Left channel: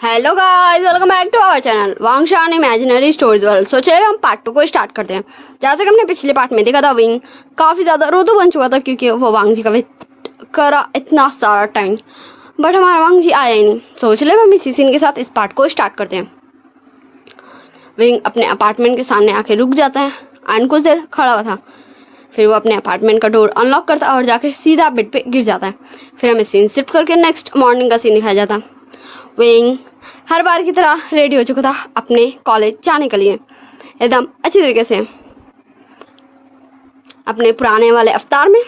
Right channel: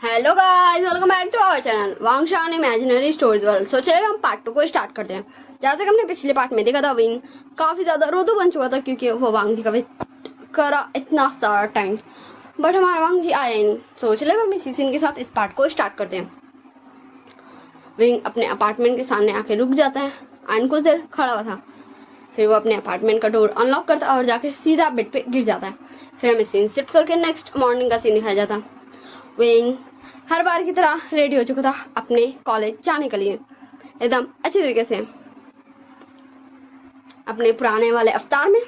Hello guys, welcome back to our channel Wangshan imaginary stories world. So चलिए हम part 2 को start करते हैं। जैसे कि हमने पिछले पार्ट में देखा था, विंग काफ़ी ज़्यादा रोतू बन चुका था क्योंकि वो वांग जी का वेट करा इतना सारा टाइम, बट हमारा वांग जी आया ही नहीं। सो चलिए हम इसी सीन के साथ इस पार्ट को स्टार्ट करते हैं। विंग अपने अपार्टमेंट के सामने आके रुक जाता है एंड कुछ देर खड़ा हुआ था। फिर वो अपने अपार्टमेंट का डोर अनलॉक करता है और जाकर सीधा बेड पे गिर जाता है। फिर हमें सीन शिफ्ट करके नेक्स्ट मॉर्निंग का सीन दिखाया जाता। विंग हर बार की तरह रेडी हो चुका था अपने कॉलेज जाने के लिए, एकदम अच्छी तरीके से अपने पुराने वाले अवतार में,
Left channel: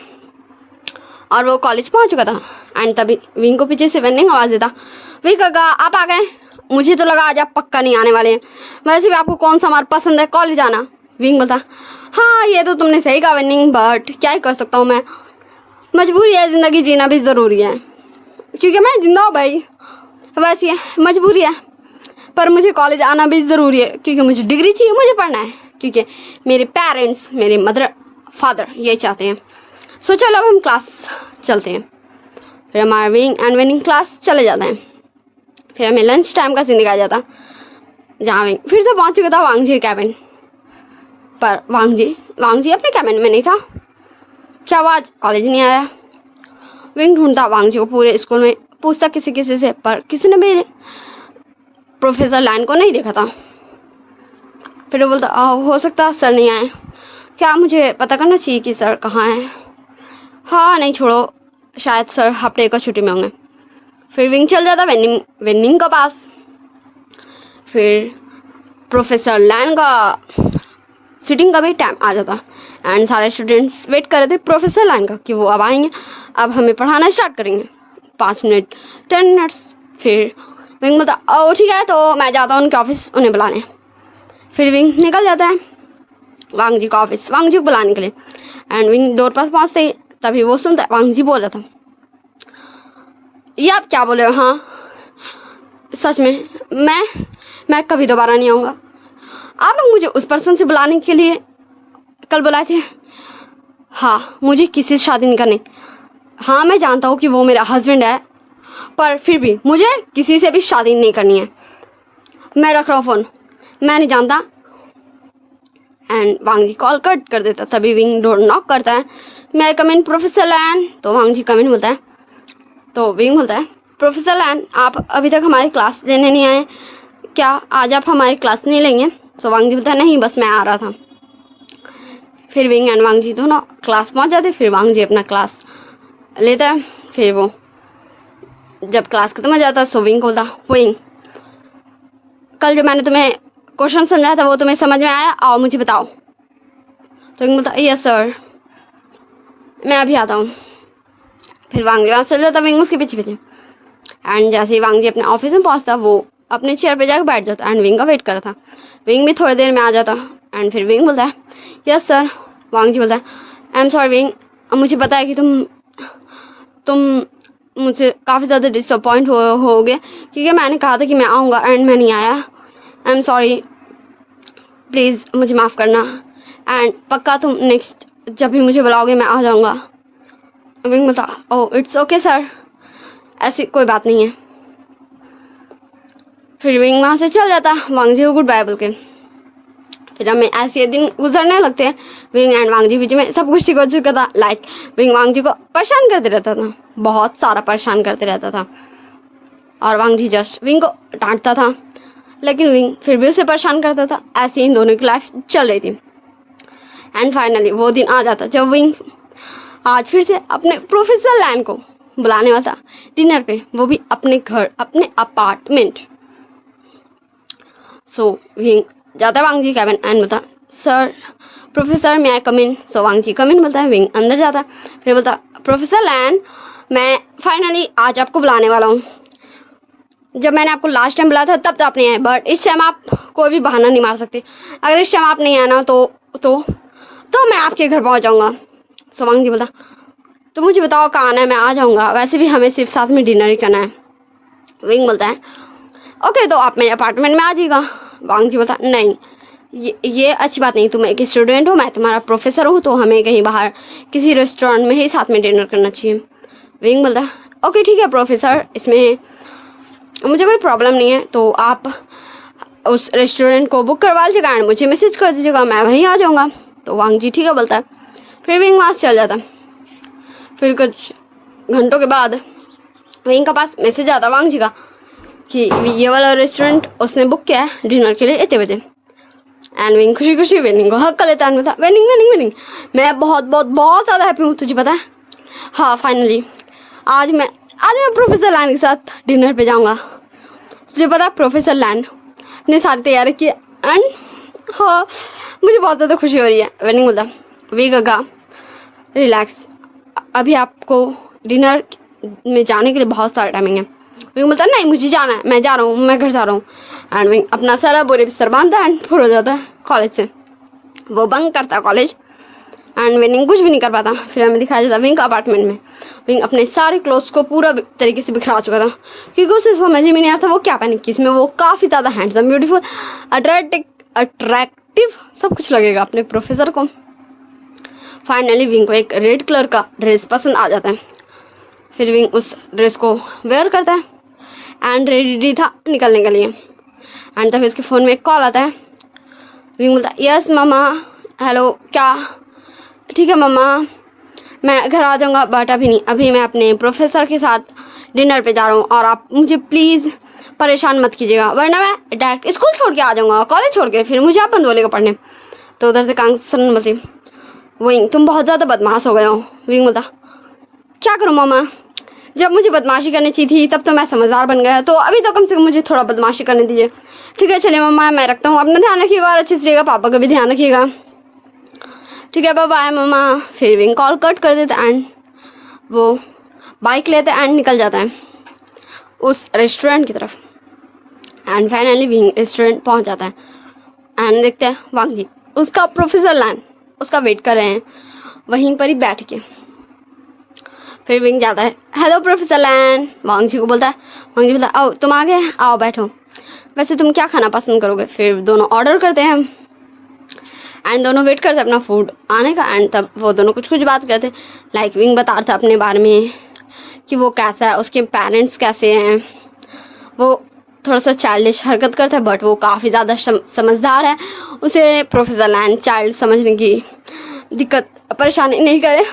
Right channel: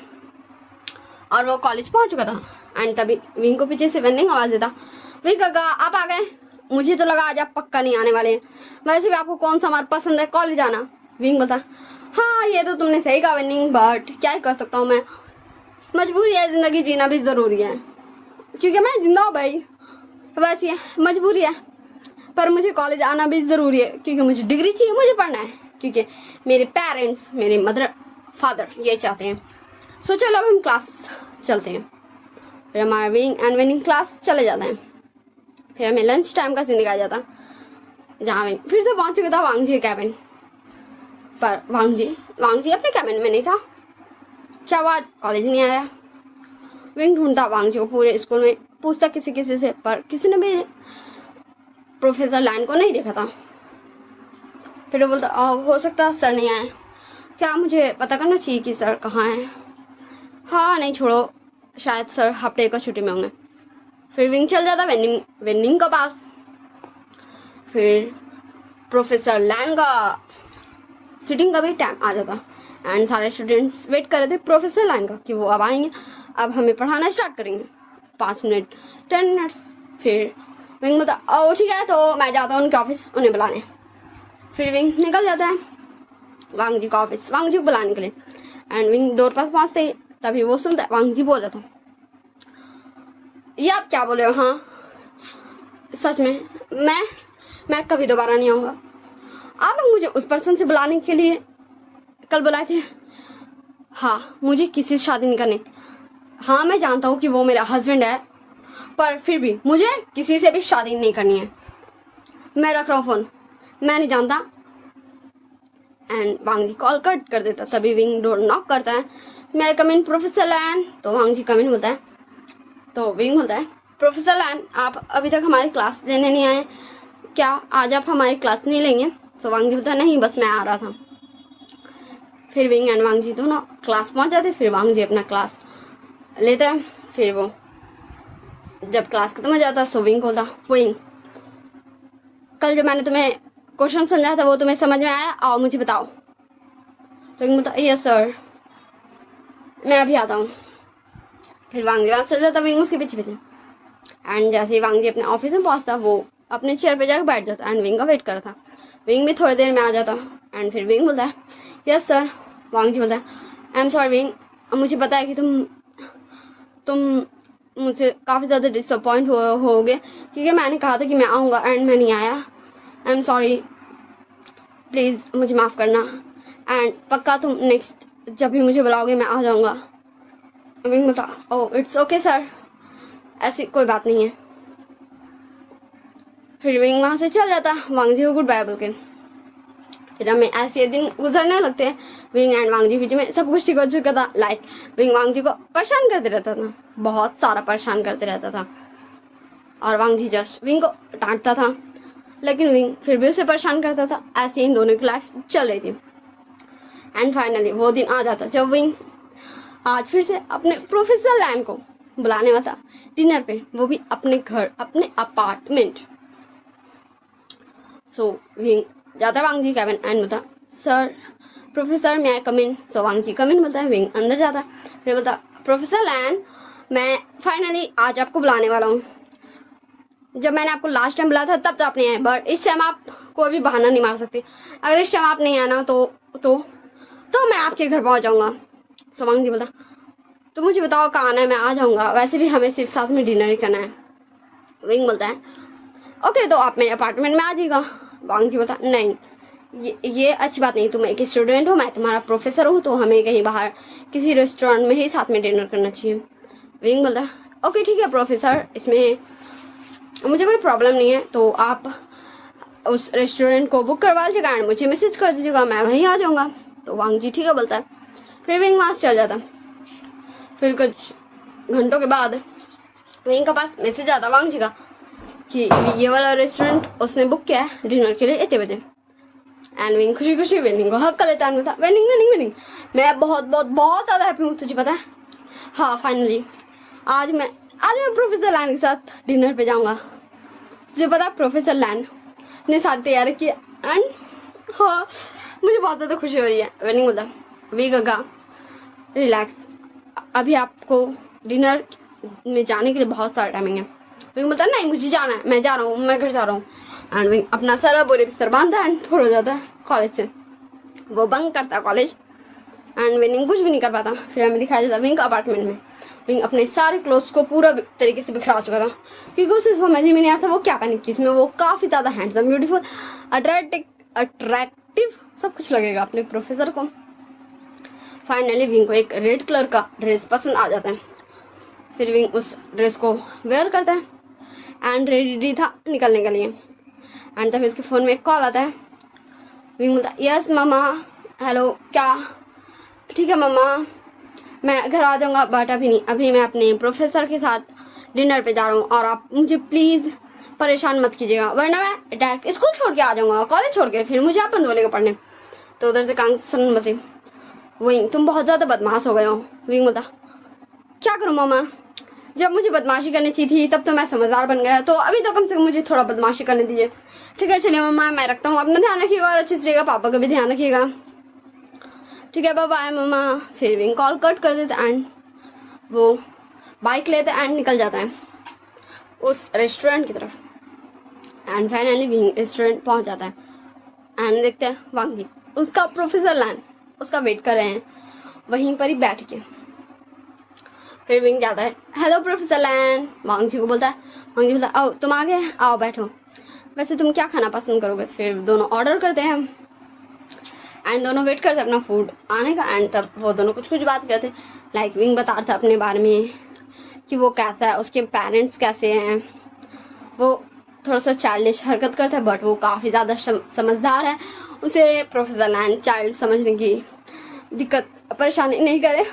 और वो कॉलेज पहुंच चुका था। एंड तभी विंग को पीछे से वेनिंग आवाज देता, विंग काका आप आ गए? मुझे तो लगा आज आप पक्का नहीं आने वाले हैं। वैसे भी आपको कौन सा मार्ग पसंद है कॉलेज आना? विंग बोलता, हाँ ये तो तुमने सही कहा वेनिंग, बट क्या ही कर सकता हूँ मैं, मजबूरी है, जिंदगी जीना भी ज़रूरी है। क्योंकि मैं जिंदा हूँ भाई, वैसे मजबूरी है, पर मुझे कॉलेज आना भी ज़रूरी है क्योंकि मुझे डिग्री चाहिए, मुझे पढ़ना है, क्योंकि मेरे पेरेंट्स, मेरे मदर फादर ये चाहते हैं। सो चलो अब हम क्लास चलते हैं। फिर हमारा विंग एंड विनिंग क्लास चले जाते हैं। फिर हमें लंच टाइम का सीन दिखाया जाता, जहाँ विंग फिर से पहुँच चुका था वांग जी कैबिन पर। वांग जी अपने कैबिन में नहीं था। क्या वो आज कॉलेज नहीं आया? विंग ढूंढता वांग जी को पूरे स्कूल में, पूछता किसी से, पर किसी ने भी प्रोफेसर लाइन को नहीं देखा था। फिर वो बोलता, हो सकता सर नहीं आए, क्या मुझे पता करना चाहिए कि सर कहाँ हैं? हाँ नहीं छोड़ो, शायद सर हफ्ते का छुट्टी में होंगे। फिर विंग चल जाता वेनिंग के पास। फिर प्रोफेसर लाइन का सीटिंग का भी टाइम आ जाता एंड सारे स्टूडेंट्स वेट कर रहे थे प्रोफेसर लाइन का कि वो अब आएंगे, अब हमें पढ़ाना स्टार्ट करेंगे। 5 मिनट 10 मिनट्स। फिर विंग बोलता, ओ ठीक है, तो मैं जाता हूँ उनके ऑफिस उन्हें बुलाने। फिर विंग निकल जाता है वांग जी का ऑफिस वांग जी को बुलाने के लिए। एंड विंग डोर पास पहुँचते ही तभी वो सुनता है वांग जी बोल रहा था, ये आप क्या बोले हो? हाँ सच में मैं कभी दोबारा नहीं आऊँगा। आप लोग मुझे उस पर्सन से बुलाने के लिए कल बुलाए थे? हाँ मुझे किसी से शादी नहीं करनी। हाँ मैं जानता हूँ कि वो मेरा हस्बैंड है, पर फिर भी मुझे किसी से भी शादी नहीं करनी है। मैं रख रहा हूँ फ़ोन, मैं नहीं जानता। And Wang ji call cut कर देता। तभी विंग डोर नॉक करता है, मैं कम इन प्रोफेसर लैन। तो वांग जी कम इन बोलता है। तो विंग बोलता है, प्रोफेसर लैन आप अभी तक हमारी क्लास लेने नहीं आए क्या? आज आप हमारी क्लास नहीं लेंगे? तो वांग जी बोलता है, नहीं बस मैं आ रहा था। फिर विंग एंड वांग जी दोनों क्लास पहुँच जाते। फिर वांग जी अपना क्लास लेता है। फिर वो जब क्लास खत्म हो जाता सो विंग बोलता, विंग कल जो मैंने तुम्हें क्वेश्चन समझाया था वो तुम्हें समझ में आया? आओ मुझे बताओ। तो विंग बोलता, यस सर मैं अभी आता हूँ। फिर वांग जी वहाँ चल जाता, विंग उसके पीछे एंड जैसे ही वांग जी अपने ऑफिस में पहुँचता वो अपने चेयर पे जाकर बैठ जाता एंड विंग का वेट कर रहा था। विंग भी थोड़ी देर में आ जाता एंड फिर विंग बोलता है, यस सर। वांग जी बोलता है, आई एम सॉरी विंग, मुझे पता है कि तुम मुझसे काफ़ी ज़्यादा डिसअपॉइंट हो गए क्योंकि मैंने कहा था कि मैं आऊँगा एंड मैं नहीं आया। आई एम सॉरी, प्लीज़ मुझे माफ़ करना एंड पक्का तुम नेक्स्ट जब भी मुझे बुलाओगे मैं आ जाऊँगा। विंग बोलता, ओह इट्स ओके सर, ऐसी कोई बात नहीं है। फिर विंग वहाँ से चल जाता वांग जी को गुड बाय बोल के। फिर हमें ऐसे दिन गुजरने लगते हैं। विंग एंड वांग जी बीच में सब कुछ ठीक हो चुका था। लाइक विंग वांग जी को परेशान करते रहता था, बहुत सारा परेशान करते रहता था, और वांग जी जस्ट विंग को डांटता था, लेकिन विंग फिर भी उसे परेशान करता था। ऐसे इन दोनों की लाइफ चल रही थी। एंड फाइनली वो दिन आ जाता जब विंग आज फिर से अपने प्रोफेसर लैन को बुलाने वाला था डिनर पे, वो भी अपने घर, अपने अपार्टमेंट। सो विंग जाता है वांग जी कैबिन एंड बोलता, सर प्रोफेसर मैं कम इन। सो वांग जी कम इन बोलता है। विंग अंदर जाता है। फिर बोलता, प्रोफेसर लैन मैं फाइनली आज आपको बुलाने वाला हूँ। जब मैंने आपको लास्ट टाइम बुलाया था तब तो आप नहीं आए, बट इस टाइम आप कोई भी बहाना नहीं मार सकते। अगर इस टाइम आप नहीं आना तो मैं आपके घर पहुँच जाऊँगा। सो वांग जी बोलता, तो मुझे बताओ कहाँ आना है, मैं आ जाऊँगा, वैसे भी हमें सिर्फ साथ में डिनर ही करना है। विंग बोलता है, ओके तो आप मेरे अपार्टमेंट में आ जाइएगा। वांग जी बोलता, नहीं ये अच्छी बात नहीं, तुम एक स्टूडेंट हो, मैं तुम्हारा प्रोफेसर हूँ, तो हमें कहीं बाहर किसी रेस्टोरेंट में ही साथ में डिनर करना चाहिए। विंग बोलता, ओके ठीक है प्रोफेसर, इसमें मुझे कोई प्रॉब्लम नहीं है, तो आप उस रेस्टोरेंट को बुक करवा लीजिएगा एंड मुझे मैसेज कर दीजिएगा, मैं वहीं आ जाऊँगा। तो वांग जी ठीक है बोलता है। फिर विंग वहाँ से चल जाता है। फिर कुछ घंटों के बाद विंग के पास मैसेज आता वांग जी का कि ये वाला रेस्टोरेंट उसने बुक किया है डिनर के लिए इतने बजे। एंड विंग खुशी खुशी वेनिंग को हक कर लेता है। वेनिंग वेनिंग वेनिंग, मैं बहुत बहुत बहुत ज़्यादा हैप्पी हूँ, तुझे पता है। हाँ फाइनली आज मैं प्रोफेसर लैन के साथ डिनर पे जाऊँगा। तुझे पता प्रोफेसर लैन ने सारी तैयारी की एंड हाँ मुझे बहुत ज़्यादा खुशी हो रही है। वेनिंग बोलता वी गगा रिलैक्स, अभी आपको डिनर में जाने के लिए बहुत सारा टाइमिंग है। विंग बोलता नहीं मुझे जाना है, मैं जा रहा हूँ, मैं घर जा रहा हूँ। एंड विंग अपना सारा बोरे बिस्तर बांधता है एंड फुर हो जाता है कॉलेज से। वो बंक करता है कॉलेज एंड विंग कुछ भी नहीं कर पाता। फिर हमें दिखाया जाता विंग अपार्टमेंट में विंग अपने सारे क्लोथ्स को पूरा तरीके से बिखरा चुका था, क्योंकि उसे समझ ही नहीं आता वो क्या पहने कि इसमें वो काफ़ी ज़्यादा हैंडसम, ब्यूटीफुल, अट्रैक्टिव सब कुछ लगेगा अपने प्रोफेसर को। फाइनली विंग को एक रेड कलर का ड्रेस पसंद आ जाता है। फिर विंग उस ड्रेस को वेयर करता है एंड रेडी था निकलने के लिए। एंड तभी उसके फ़ोन में एक कॉल आता है। विंग बोलता है यस मम्मा, हेलो क्या, ठीक है मम्मा मैं घर आ जाऊँगा, बट अभी नहीं, अभी मैं अपने प्रोफेसर के साथ डिनर पे जा रहा हूँ और आप मुझे प्लीज़ परेशान मत कीजिएगा, वरना मैं डायरेक्ट स्कूल छोड़ के आ जाऊँगा, कॉलेज छोड़ के, फिर मुझे आप बंद बोलेगा पढ़ने। तो उधर से कांसन बोलती विंग तुम बहुत ज़्यादा बदमाश हो गए हो। विंग बोलता क्या करूँ मामा, जब मुझे बदमाशी करनी चाहिए थी तब तो मैं समझदार बन गया, तो अभी तो कम से कम मुझे थोड़ा बदमाशी करने दीजिए। ठीक है चलिए मम्मा मैं रखता हूँ, अपना ध्यान रखिएगा और अच्छे से रहिएगा, पापा का भी ध्यान रखिएगा। ठीक है बाय बाय मम्मा। फिर विंग कॉल कट कर देता एंड वो बाइक लेता है एंड निकल जाता है उस रेस्टोरेंट की तरफ। एंड फाइनली विंग रेस्टोरेंट पहुंच जाता है एंड देखते हैं वांग जी उसका प्रोफेसर लैन उसका वेट कर रहे हैं वहीं पर ही बैठ के। फिर विंग जाता है हेलो प्रोफेसर लैन, वांग जी को बोलता है। वांग जी बोलता है आओ तुम आ गए, आओ बैठो, वैसे तुम क्या खाना पसंद करोगे। फिर दोनों ऑर्डर करते हैं एंड दोनों वेट करते अपना फूड आने का। एंड तब वो दोनों कुछ कुछ बात करते, लाइक विंग बता रहा था अपने बारे में कि वो कैसा है, उसके पेरेंट्स कैसे हैं, वो थोड़ा सा चाइल्डिश हरकत करता है बट वो काफ़ी ज़्यादा समझदार है, उसे प्रोफेसर लैन चाइल्ड समझने की दिक्कत परेशानी नहीं करे,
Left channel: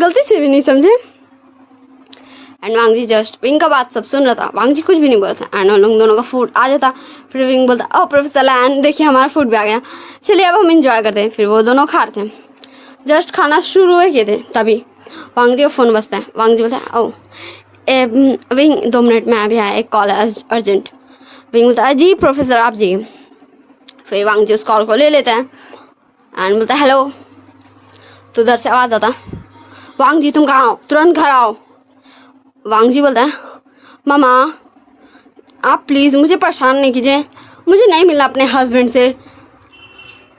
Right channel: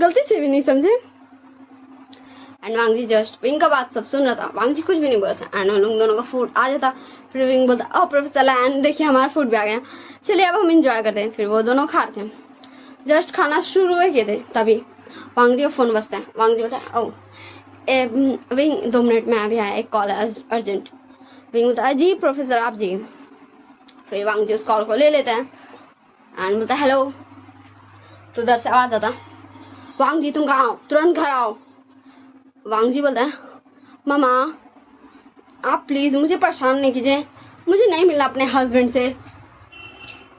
गलती से भी नहीं समझे। And Wang ji just Wing का बात सब सुन रहा था, वांग जी कुछ भी नहीं बोलता एंड उन लोग दोनों का फूड आ जाता। फिर विंग बोलता ओह प्रोफेसर लैन देखिए हमारा फूड भी आ गया, चलिए अब हम इंजॉय करते हैं। फिर वो दोनों खा रहे थे, जस्ट खाना शुरू हुए किए थे तभी वांग जी का फ़ोन बजता है। वांग जी बोलता है ओह विंग 2 मिनट में अभी आया, एक कॉल है अर्जेंट। विंग बोलता है जी प्रोफेसर आप जी। फिर वांग जी उस कॉल को ले लेता है एंड बोलता है हेलो। तो उधर से आवाज़ आता वांग जी तुम कहाँ हो, तुरंत घर आओ। वांग जी बोलता है मामा आप प्लीज़ मुझे परेशान नहीं कीजिए, मुझे नहीं मिलना अपने हस्बैंड से,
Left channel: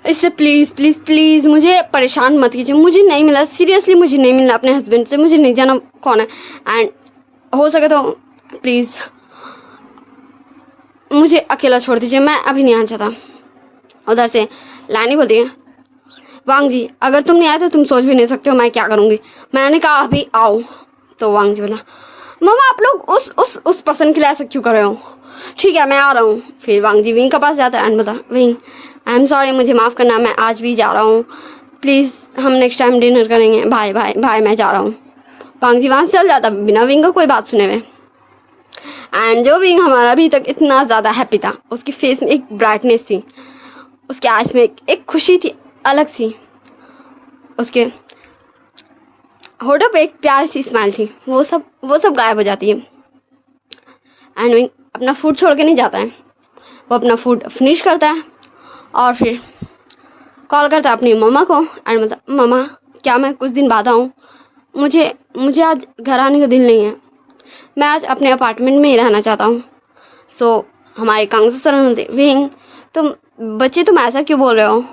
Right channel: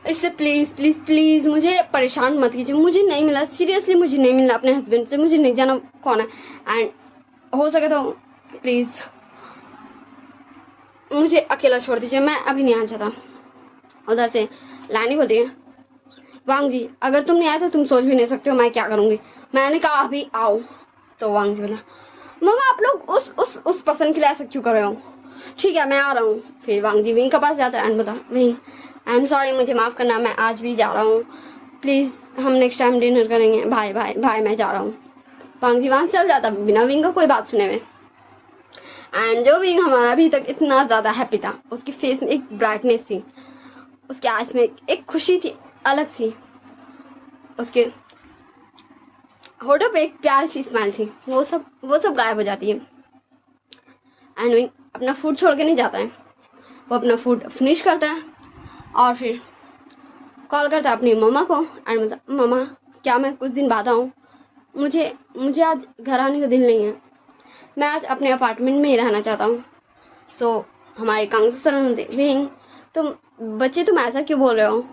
इससे प्लीज़ प्लीज़ प्लीज़ मुझे परेशान मत कीजिए, मुझे नहीं मिला, सीरियसली मुझे नहीं मिलना अपने हस्बैंड से, मुझे नहीं जाना कौन है एंड हो सके तो प्लीज़ मुझे अकेला छोड़ दीजिए, मैं अभी नहीं आना चाहता। उधर से लानी बोलती है वांग जी अगर तुम नहीं आए तो तुम सोच भी नहीं सकते हो मैं क्या करूँगी, मैंने कहा अभी आओ। तो वांग जी बोला मामा आप लोग उस पर्सन के लिए ऐसा क्यों कर रहे हो, ठीक है मैं आ रहा हूँ। फिर वांग जी विंग के पास जाता है एंड बोला विंग आई एम सॉरी मुझे माफ़ करना, मैं आज भी जा रहा हूँ, प्लीज़ हम नेक्स्ट टाइम डिनर करेंगे, बाय बाय बाय मैं जा रहा हूँ। वांग जी वहाँ से चल जाता बिना विंग का कोई बात सुने हुए। एंड जो विंग हमारा अभी तक इतना ज़्यादा हैप्पी था, उसके फेस में एक ब्राइटनेस थी, उसके आइज में एक खुशी थी अलग सी, उसके होठों पे एक प्यारी सी स्माइल थी, वो सब गायब हो जाती है। एंड विंग अपना फूड छोड़ के नहीं जाता है, वो अपना फूड फिनिश करता है और फिर कॉल करता है अपनी मम्मा को एंड बोलता मम्मा क्या मैं कुछ दिन बाद आऊँ, मुझे आज घर आने का दिल नहीं है, मैं आज अपने अपार्टमेंट में ही रहना चाहता हूँ। सो हमारे कांग्रेस विंग तुम ऐसा क्यों बोल रहे हो,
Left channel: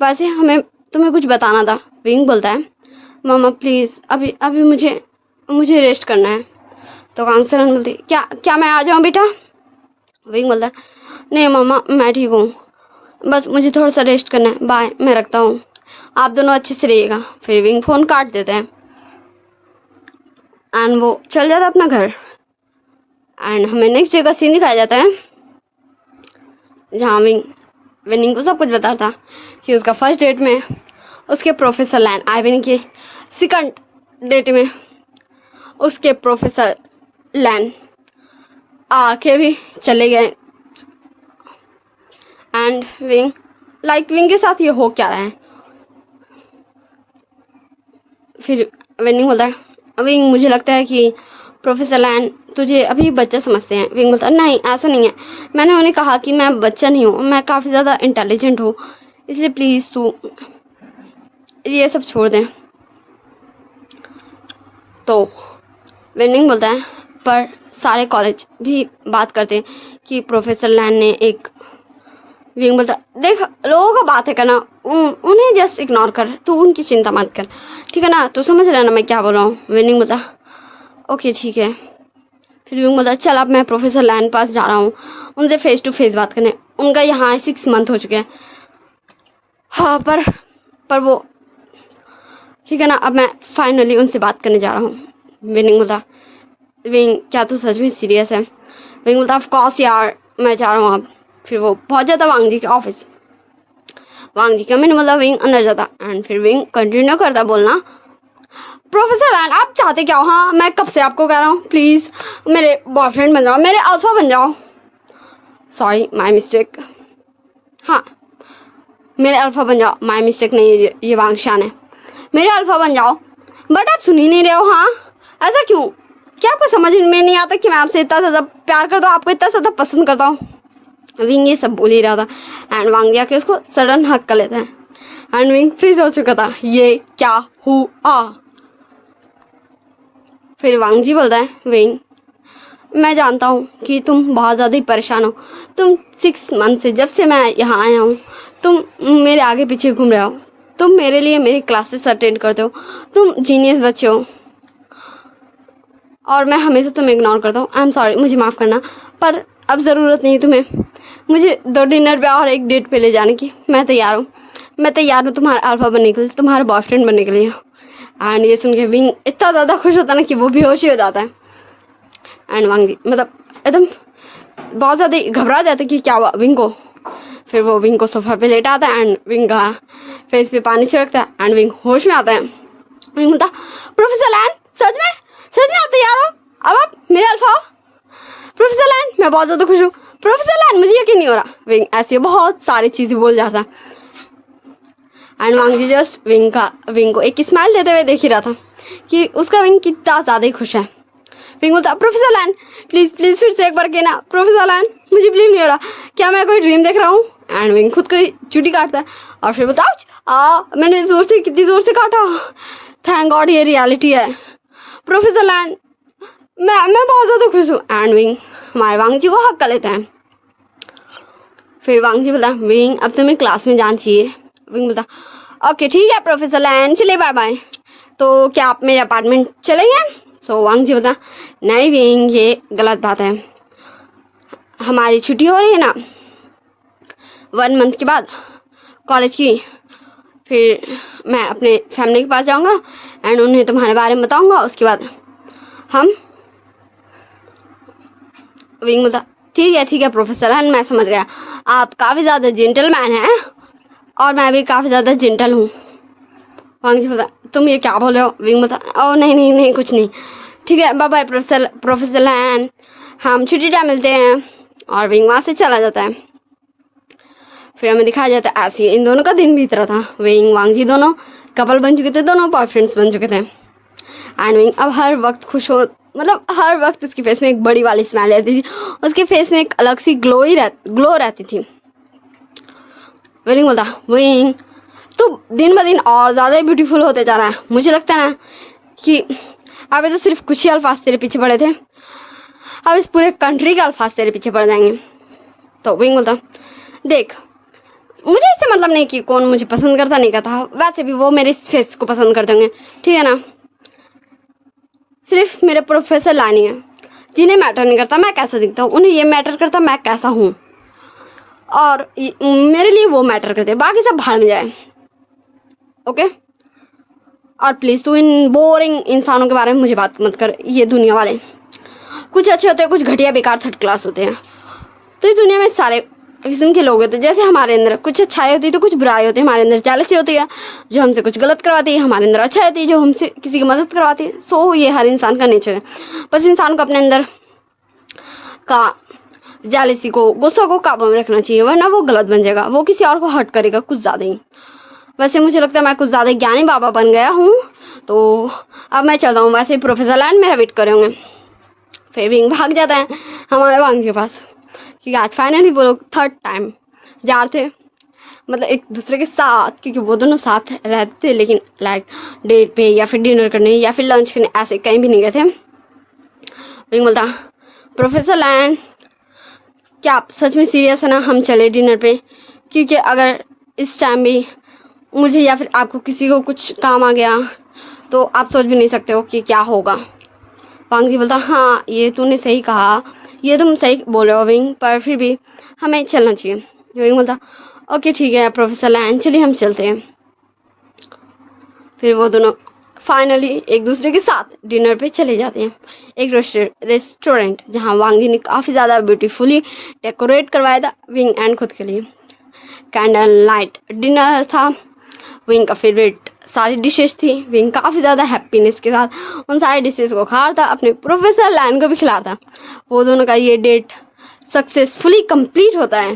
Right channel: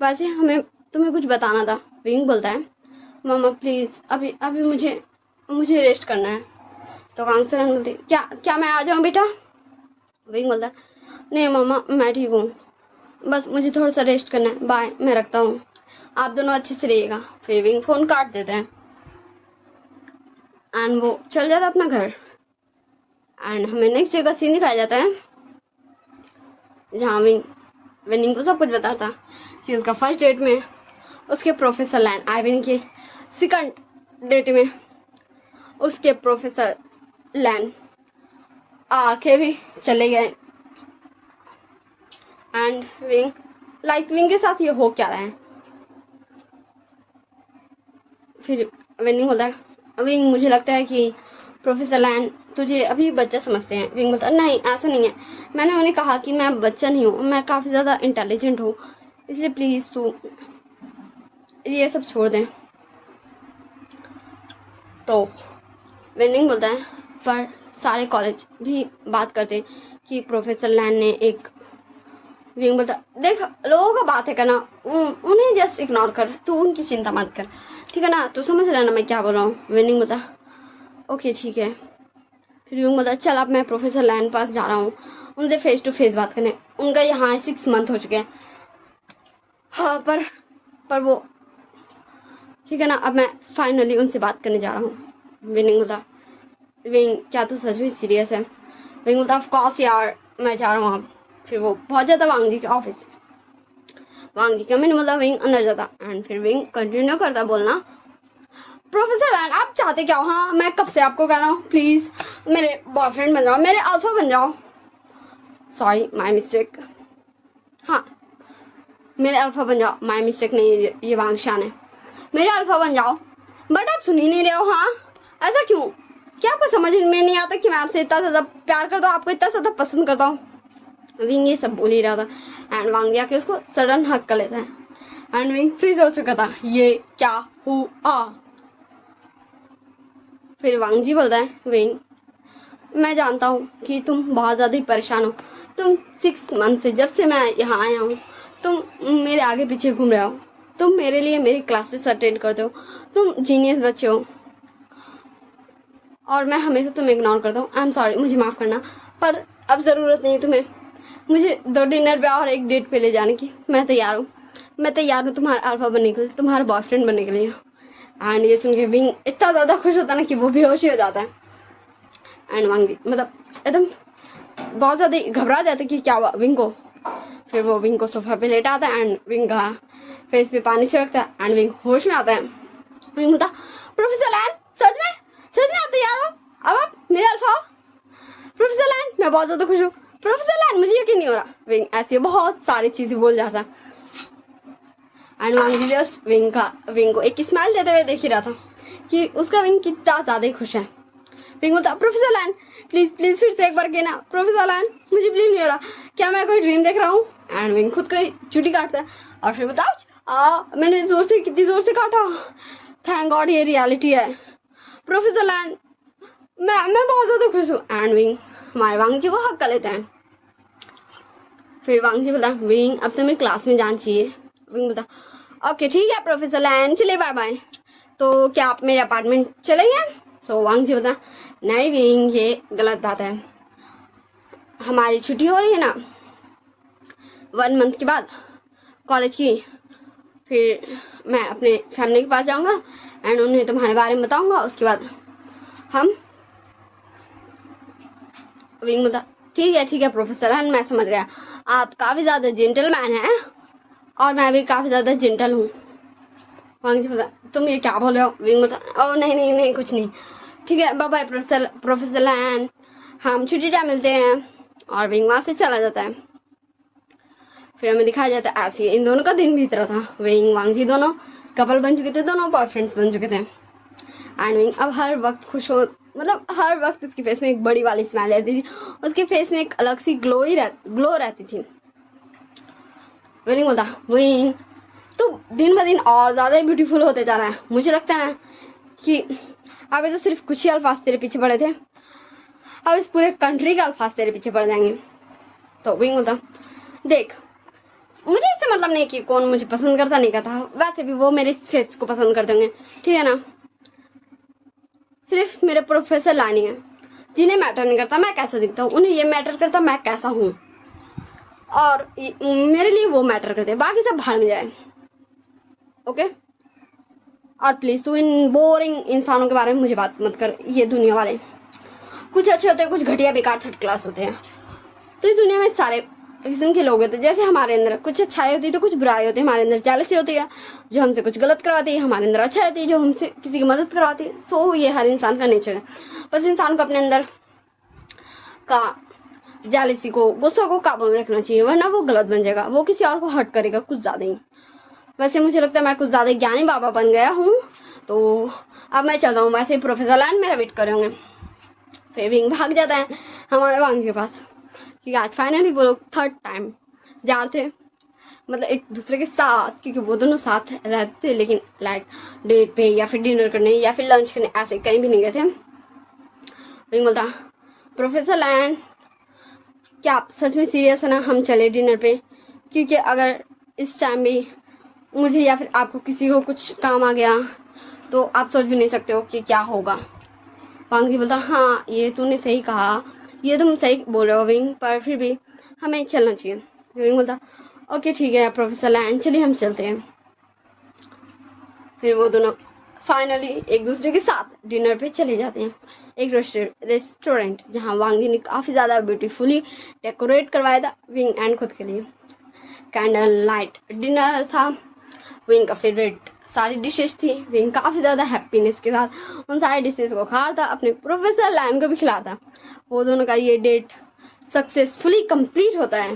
वैसे हमें तुम्हें कुछ बताना था। विंग बोलता है मम्मा प्लीज़ अभी मुझे रेस्ट करना है। तो कांग्रेस बोलती क्या मैं आ जाऊँ बेटा। विंग बोलता है नहीं मम्मा मैं ठीक हूँ, बस मुझे थोड़ा सा रेस्ट करना है, बाय मैं रखता हूँ, आप दोनों अच्छे से रहिएगा। फिर विंग फ़ोन काट देते हैं एंड वो चल जाता अपना घर। एंड हमें नेक्स्ट डे का सीन दिखाया जाता है जहाँ विनिंग को सब कुछ बताता कि उसका फर्स्ट डेट में उसके प्रोफेसर लैन आए, विनिंग के सेकंड डेट में उसके प्रोफेसर लैन आके भी चले गए। एंड विंग के साथ ये हो क्या रहा है। फिर विनिंग बोलता है विंग मुझे लगता है कि प्रोफेसर लैन तुझे अभी बच्चा समझते हैं। विंग बोलता है नहीं ऐसा नहीं है, मैंने उन्हें कहा कि मैं बच्चा नहीं हूँ, मैं काफ़ी ज़्यादा इंटेलिजेंट हूँ, इसलिए प्लीज़ तू ये सब छोड़ दें। तो विनिंग बोलता है पर सारे कॉलेज भी बात करते हैं कि प्रोफेसर लैन ने एक। विंग बोलता देख लोगों का बात है करना, उन्हें जस्ट इग्नोर कर, तू उनकी चिंता मत कर, ठीक है ना, तू समझ रहा है ना मैं क्या बोल रहा हूँ। विनिंग बोलता ओके ठीक है। फिर विंग बोलता चल अब मैं प्रोफेसर लैन पास जा रहा हूँ उनसे फेस टू फेस बात करने, उनका यहाँ 6 मंथ हो चुके हैं। हाँ पर वो ठीक है ना, अब मैं फाइनली उनसे बात करने जा रहा हूँ। विनिंग बोलता विंग क्या तू सच में सीरियस है। विंग बोलता ऑफ कोर्स यार मैं जा रहा हूँ अब। फिर वो पहुंच जाता वांग जी के ऑफिस। वांग जी का मैंने बोला विंग अंदर जाता एंड फिर विंग कंटिन्यू करता बोलना प्रोफेसर लैन आप चाहते क्या हो। हाँ मैं कब से आपको कह रहा हूँ प्लीज़ मेरे बॉयफ्रेंड बन जाओ, मेरे अल्फा बन जाओ। सॉरी माय मिस्टेक, हाँ मेरे अल्फा बन जाओ, माय मिस्टेक नहीं ये वांग शान है, मेरे अल्फा बन जाओ। बट आप सुन ही नहीं रहे हो। हाँ ऐसा क्यों, क्या आपको समझ में नहीं आता कि मैं आपसे इतना ज़्यादा प्यार करता हूँ, आपको इतना ज़्यादा पसंद करता हूँ। विंग ये सब बोल ही रहा था एंड वांग जी आके उसको सडन हक कर लेता है एंड विंग फ्रीज हो चुका था, ये क्या हुआ। फिर वांग जी बोलता है विंग मैं जानता हूँ कि तुम बहुत ज़्यादा ही परेशान हो, तुम 6 मंथ से जब से मैं यहाँ आया हूँ तुम मेरे आगे पीछे घूम रहे हो, तुम मेरे लिए मेरी क्लासेस अटेंड करते हो, तुम जीनियस बच्चे हो और मैं हमेशा तुम्हें इग्नोर करता हूँ। आई एम सॉरी, मुझे माफ़ करना, पर अब ज़रूरत नहीं तुम्हें मुझे 2 डिनर पे और 1 डेट पे ले जाने की। मैं तैयार हूँ तुम्हारा अल्फा बनने के लिए, तुम्हारा बॉयफ्रेंड बनने के लिए। एंड ये सुन के विंग इतना ज़्यादा खुश होता है ना कि वो बेहोश ही हो जाता है। एंड वांग जी मतलब एकदम बहुत ज़्यादा घबरा जाता है कि क्या हुआ विंग को। फिर वो विंग को सोफा पे लेटा आता है एंड विंग का फेस पे पानी छिड़कता है एंड विंग होश में आता है। विंग बोलता प्रोफेसर लैन सच में आप तैयार हो, अब आप मेरे अल्फा हो। प्रोफेसर लैन मैं बहुत ज़्यादा खुश हूँ। प्रोफेसर लैन मुझे यकीन नहीं हो रहा। विंग ऐसी बहुत सारी चीज़ें बोल जाता and Wang ji just Wing को एक स्माइल देते हुए देख ही रहा था कि उसका विंग कितना ज़्यादा ही खुश है। विंग बोलता प्रोफेसर लैन प्लीज़ फिर से एक बार कहना प्रोफेसर लैन, मुझे बिलीव नहीं हो रहा, क्या मैं कोई ड्रीम देख रहा हूँ। एंड विंग खुद को चुटी काटता है और फिर बताओ मैंने कितनी ज़ोर से काटा, थैंक गॉड ये रियलिटी है। प्रोफेसर लैन मैं बहुत ज़्यादा खुश हूँ। एंड विंग हमारे वांग जी को हक कर लेते हैं। फिर वांग जी बोलता विंग अब तुम्हें क्लास में जाना चाहिए। विंग बोलता ओके ठीक है प्रोफेसर लैन, चलिए बाय बाय। तो क्या आप मेरे अपार्टमेंट चलेंगे। सो वांग जी बोलता नहीं विंग ये गलत बात है, हमारी छुट्टी हो रही है ना 1 मंथ के बाद कॉलेज की, फिर मैं अपने फैमिली के पास जाऊंगा एंड उन्हें तुम्हारे बारे में बताऊंगा, उसके बाद हम। विंग बोलता ठीक है प्रोफेसर लैन मैं समझ गया, आप काफ़ी ज़्यादा जेंटलमैन हैं और मैं भी काफ़ी ज़्यादा जेंटल हूँ। वांग जी बोलता तुम ये क्या बोल रहे हो। विंग बोलता ओ नहीं कुछ नहीं, ठीक है बाय बाय प्रोफेसर लैन, हम छुट्टी टाइम मिलते हैं। और विंग वहाँ से चला जाता है। फिर हमें दिखाया जाता है ऐसे इन दोनों का दिन बीत रहा था। विंग वांग जी दोनों कपल बन चुके थे, दोनों बॉयफ्रेंड्स बन चुके थे एंड विंग अब हर वक्त खुश हो, मतलब हर वक्त उसके फेस में एक बड़ी वाली स्माइल रहती थी, उसके फेस में एक अलग सी ग्लो रहती थी। विंग बोलता विंग तू दिन ब दिन और ज़्यादा ब्यूटीफुल होते जा रहा है, मुझे लगता है ना कि अभी तो सिर्फ कुछ ही अल्फाज तेरे पीछे पड़े थे, अब इस पूरे कंट्री के अल्फाज तेरे पीछे पड़ जाएंगे। तो विंग बोलता देख मुझे इससे मतलब नहीं कि कौन मुझे पसंद करता नहीं करता, वैसे भी वो मेरे फेस को पसंद करते होंगे, ठीक है ना, सिर्फ मेरे प्रोफेसर लानी है जिन्हें मैटर नहीं करता मैं कैसा दिखता हूँ, उन्हें ये मैटर करता मैं कैसा हूँ और मेरे लिए वो मैटर करते, बाकी सब भाड़ में जाए। ओके और प्लीज़ तू इन बोरिंग इंसानों के बारे में मुझे बात मत कर, ये दुनिया वाले। कुछ अच्छे होते हैं, कुछ घटिया बेकार थर्ड क्लास होते हैं। तो इस दुनिया में सारे किस्म के लोग होते हैं। जैसे हमारे अंदर कुछ अच्छाई होती है तो कुछ बुराई होती है। हमारे अंदर जेलसी होती है जो हमसे कुछ गलत करवाती है, हमारे अंदर अच्छाई होती है जो हमसे किसी की मदद करवाती है। सो ये हर इंसान का नेचर है। बस इंसान को अपने अंदर का जेलसी को, गुस्सा को काबू में रखना चाहिए, वरना वो गलत बन जाएगा, वो किसी और को हर्ट करेगा कुछ ज़्यादा ही। वैसे मुझे लगता है मैं कुछ ज़्यादा ज्ञानी बाबा बन गया हूँ, तो अब मैं चलता हूँ। वैसे प्रोफेसर लाइन मेरा वेट कर रहे होंगे। फिर विंग भाग जाता है हमारे वांग के पास, क्योंकि आज फाइनली वो लोग थर्ड टाइम जा रहे थे, मतलब एक दूसरे के साथ, क्योंकि वो दोनों साथ रहते थे लेकिन लाइक डेट पे या फिर डिनर करने या फिर लंच करने ऐसे कहीं भी नहीं गए थे। विंग बोलता, प्रोफेसर लैन क्या आप सच में सीरियस है ना, हम चले डिनर पे? क्योंकि अगर इस टाइम भी मुझे या फिर आपको किसी को कुछ काम आ गया तो आप सोच भी नहीं सकते हो कि क्या होगा। वांग जी बोलता, हाँ ये तूने सही कहा, ये तुम सही बोल रहे हो विंग, पर फिर भी हमें चलना चाहिए। विंग बोलता, ओके ठीक है प्रोफेसर लैन, चलिए हम चलते हैं। फिर वो दोनों फाइनली एक दूसरे के साथ डिनर पे चले जाते हैं, एक रेस्टोरेंट जहाँ वांग जी ने काफ़ी ज़्यादा ब्यूटीफुली डेकोरेट करवाया था विंग एंड खुद के लिए। कैंडल लाइट डिनर था, विंग का फेवरेट सारी डिशेस थी। विंग काफ़ी ज़्यादा हैप्पीनेस के साथ उन सारी डिशेस को खा रहा था, अपने प्रोफेसर लैन को भी खिला था। वो दोनों का ये डेट सक्सेसफुली कंप्लीट होता है।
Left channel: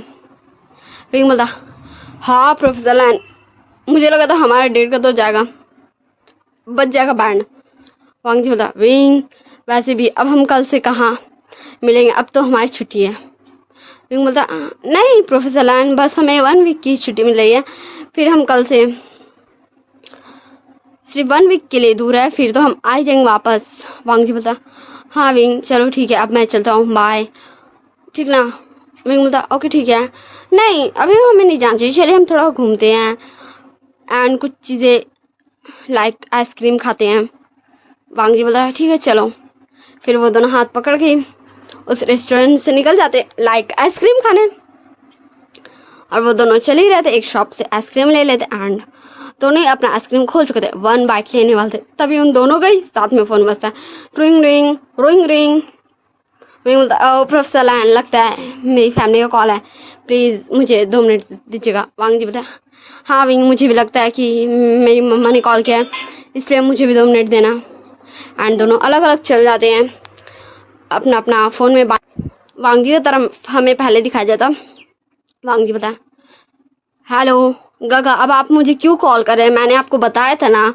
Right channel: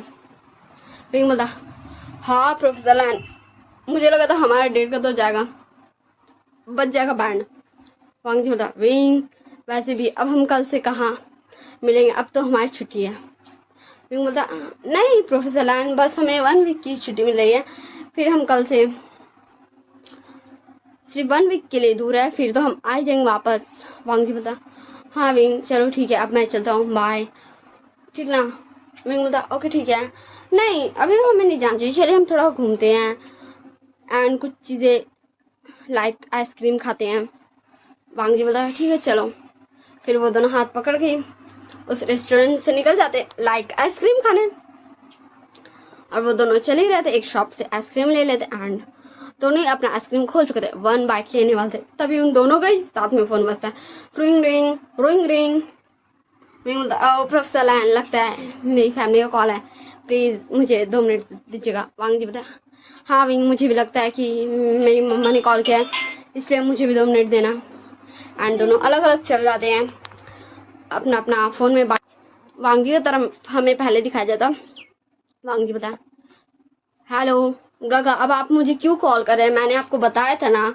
विंग बोलता, हाँ प्रोफेसर लैन, मुझे लगा था हमारा डेट का तो जाएगा, बच जाएगा बैंड। वांग जी बोलता, विंग वैसे भी अब हम कल से कहाँ मिलेंगे, अब तो हमारी छुट्टी है। विंग बोलता, नहीं प्रोफेसर लैन, बस हमें 1 वीक की छुट्टी मिल रही है, फिर हम कल से सिर्फ 1 वीक के लिए दूर है, फिर तो हम आ ही जाएंगे वापस। वांग जी बोलता, हाँ विंग चलो ठीक है, अब मैं चलता हूँ, बाय, ठीक ना? विंग बोलता, ओके ठीक है। नहीं अभी हमें नहीं जाना चाहिए, चलिए हम थोड़ा घूमते हैं एंड कुछ चीज़ें लाइक आइसक्रीम खाते हैं। वांग जी बोलता, ठीक है चलो। फिर वो दोनों हाथ पकड़ के उस रेस्टोरेंट से निकल जाते लाइक आइसक्रीम खाने, और वो दोनों चले ही रहते, एक शॉप से आइसक्रीम ले लेते एंड दोनों ही अपना आइसक्रीम खोल चुके थे, 1 बाइट लेने वाले थे, तभी उन दोनों का ही साथ में फ़ोन बजता है, रिंग रिंग रिंग रिंग। मैं बोलता, प्रोफेसर लैन लगता है मेरी फैमिली का कॉल है, प्लीज़ मुझे 2 मिनट दीजिएगा। वांग जी बोलता, हाँ विंग मुझे भी लगता है कि मेरी मम्मा ने कॉल किया है, इसलिए मुझे भी 2 मिनट देना। एंड दोनों अलग अलग चल जाते हैं अपना अपना फ़ोन में बात। वांग जी की तरफ हमें पहले दिखाया जाता। वांग जी बताया, हेलो गगा, अब आप मुझे क्यों कॉल कर रहे हैं? मैंने आपको बताया था ना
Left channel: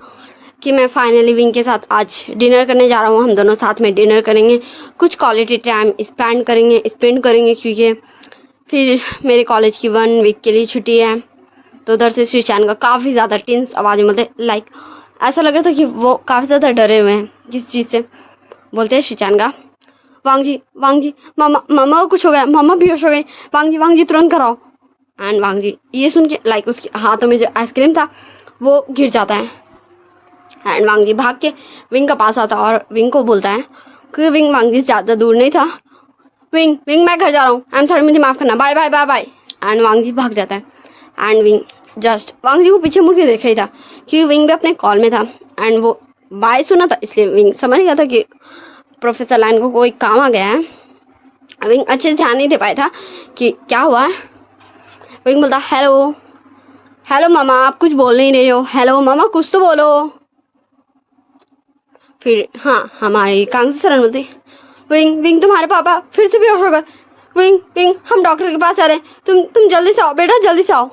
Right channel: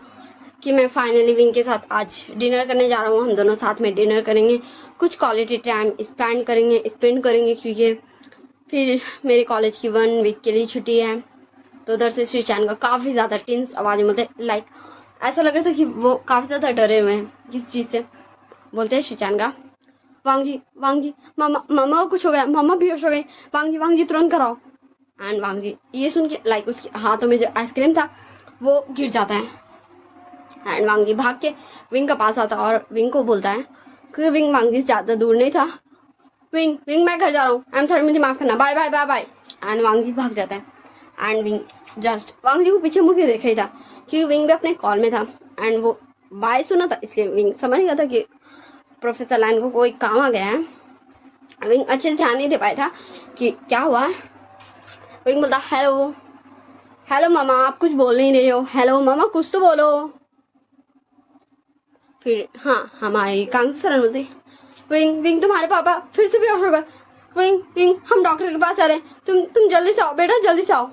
कि मैं फाइनली विंग के साथ आज डिनर करने जा रहा हूँ, हम दोनों साथ में डिनर करेंगे, कुछ क्वालिटी टाइम स्पेंड करेंगे क्योंकि फिर मेरे कॉलेज की 1 वीक के लिए छुट्टी है। तो उधर से श्रीचान का काफ़ी ज़्यादा टेंस आवाज़ में बोलते, लाइक ऐसा लग रहा था कि वो काफ़ी ज़्यादा डरे हुए हैं किस चीज़ से। बोलते हैं श्रीचान का, वांग जी मामा को कुछ हो गया, मामा बेहोश हो गए, वांग जी तुरंत कराओ। एंड वांग जी ये सुन के लाइक उसके हाथों में जो आइसक्रीम था वो गिर जाता है। एंड वांग जी भाग के विंग का पास आता और विंग को बोलता है कि विंग वांग जी ज़्यादा दूर नहीं था, विंग मैं घर जा रहा हूँ, आई एम सॉरी, मुझे माफ़ करना, bye bye bye bye. And Wang ji भाग जाता है and Wing just Wang ji को पीछे मुड़ के देख रही था क्योंकि विंग भी अपने कॉल में था एंड वो बाय सुना था, इसलिए विंग समझ गया था कि प्रोफेसर लैन को कोई काम आ गया है। विंग अच्छे से ध्यान नहीं दे पाया था कि क्या हुआ। विंग बोलता, हेलो मामा, आप कुछ बोल नहीं रहे हो, हेलो मामा कुछ तो बोलो। फिर हाँ हमारी कांग्रेस सरन बोलती, विंग तुम्हारे पापा फिर से बेहोश हो गए, विंग हम डॉक्टर के पास जा रहे हैं, तुम जल्दी से आओ बेटा, जल्दी से आओ।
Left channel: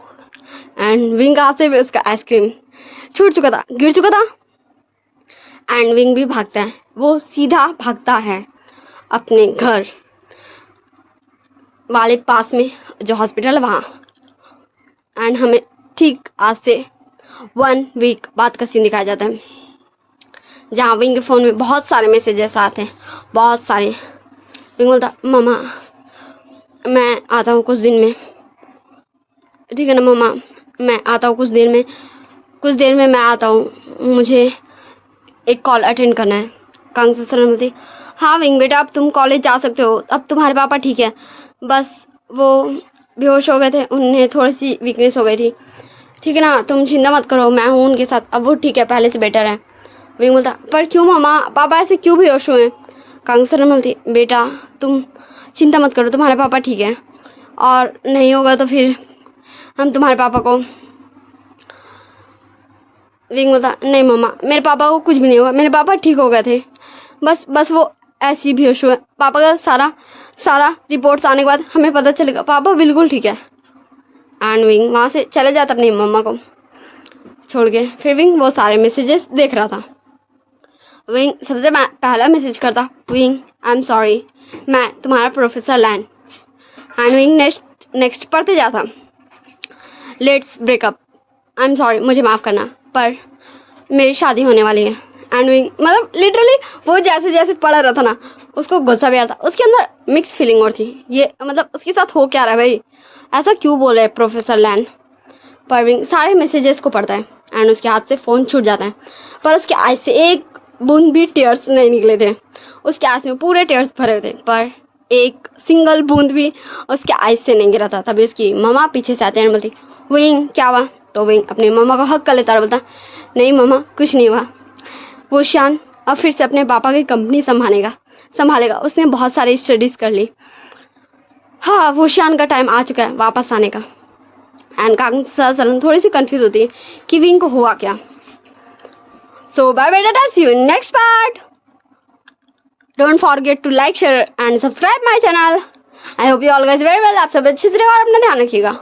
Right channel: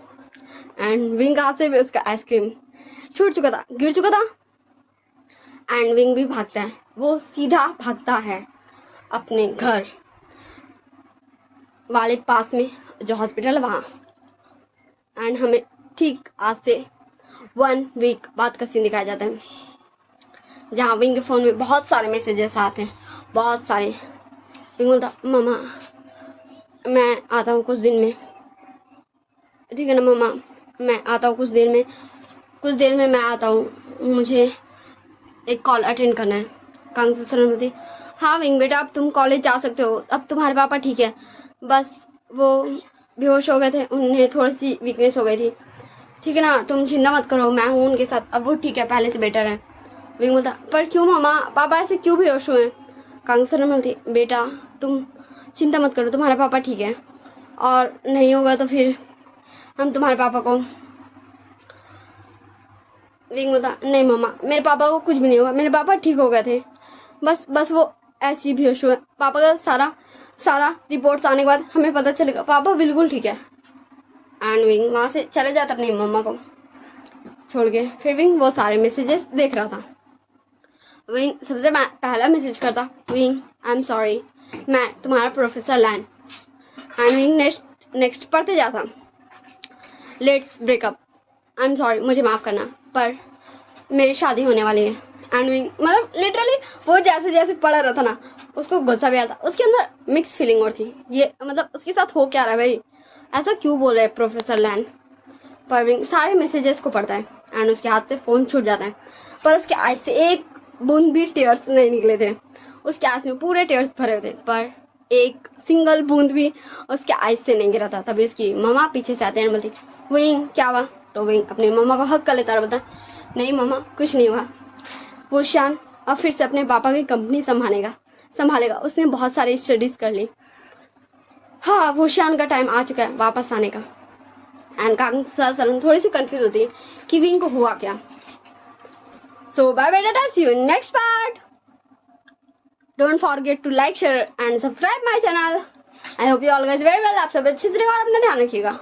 एंड विंग आते हुए उसका आइसक्रीम छूट चुका था, गिर चुका था एंड विंग भी भागता है, वो सीधा भागता है अपने घर वाले पास में जो हॉस्पिटल है वहाँ। एंड हमें ठीक आज से 1 वीक बाद का सीन दिखाया जाता है जहाँ विंग के फ़ोन में बहुत सारे मैसेजेस आते हैं, बहुत सारे। विंग बोलता, मामा मैं आता हूँ कुछ दिन में, ठीक है ना मामा, मैं आता हूँ कुछ देर में मैं आता हूँ, मुझे एक कॉल अटेंड करना है। कांग्रेस सर बोलती, हाँ विंग बेटा अब तुम कॉलेज जा सकते हो, अब तुम्हारे पापा ठीक है, बस वो बेहोश हो गए थे, उन्हें थोड़ी सी वीकनेस हो गई थी, ठीक है ना, तुम चिंता मत करो, मैं हूँ उनके साथ, अब वो ठीक है, पहले से बेटर है। विंग बोलता, पर क्यों मामा, पापा ऐसे क्यों बेहोश हुए? कांगसर बोलती बेटा तुम चिंता मत करो, तुम्हारे पापा ठीक है, और नहीं होगा तो फिर हम तुम्हारे पापा को। विंग बोलता नहीं मम्मा, मेरे पापा को कुछ भी नहीं होगा, मेरे पापा ठीक हो गए थे, बस वो ऐसे ही बेहोश हुए। पापा का सारा रिपोर्ट्स आने के बाद हमें पता चलेगा पापा बिल्कुल ठीक है। एंड विंग वहाँ से चले जाता अपनी मम्मा को छोड़ के। फिर विंग वो सारे मैसेजेस देख रहा था। विंग सबसे पहला मैसेज करता, विंग आई एम सॉरी, मैं तुम्हारा professor land. And wing next पढ़ते जाता, let's breakup, I am sorry, मुझे माफ़ करना, पर मेरी शादी होने वाली है। एंड विंग मतलब लिटरली वो जैसे जैसे पढ़ रहा था ना, उसको गुस्सा भी आ रहा था, उसके अंदर मिक्स फीलिंग और थी, ये मतलब उसके साथ हो क्या रहा है भाई, ऐसा क्यों बोले प्रोफेसर लैंड। पर विंग सारे मैसेजेस को पढ़ता है एंड उसके हाथ से फ़ोन छूट जाता है, पर उसके आँख से एक बूंद भी टीयर्स नहीं निकले थे। उसके आँख में पूरे टीयर्स भरे हुए थे, पर एक सिंगल बूंद भी उसके आँख से नहीं गिरा था। तभी उसकी मम्मा पीछे से आते हैं, बोलती विंग क्या हुआ। तो विंग अपनी मम्मा को हक कर लेता और बोलता नहीं मम्मा कुछ नहीं हुआ, वो शान अब फिर से अपने पापा की कंपनी संभालेगा, उसने बहुत सारी स्टडीज़ कर ली। हाँ वो शान का टाइम आ चुका है वापस आने का। एंड कांगसा थोड़ी सी कंफ्यूज होती है कि विंग को हुआ क्या। सो बाय बेटा, see you in next part. Don't forget to like share and subscribe my channel. I hope you all guys very well. आप सब अच्छे से रहो और अपना ध्यान रखिएगा।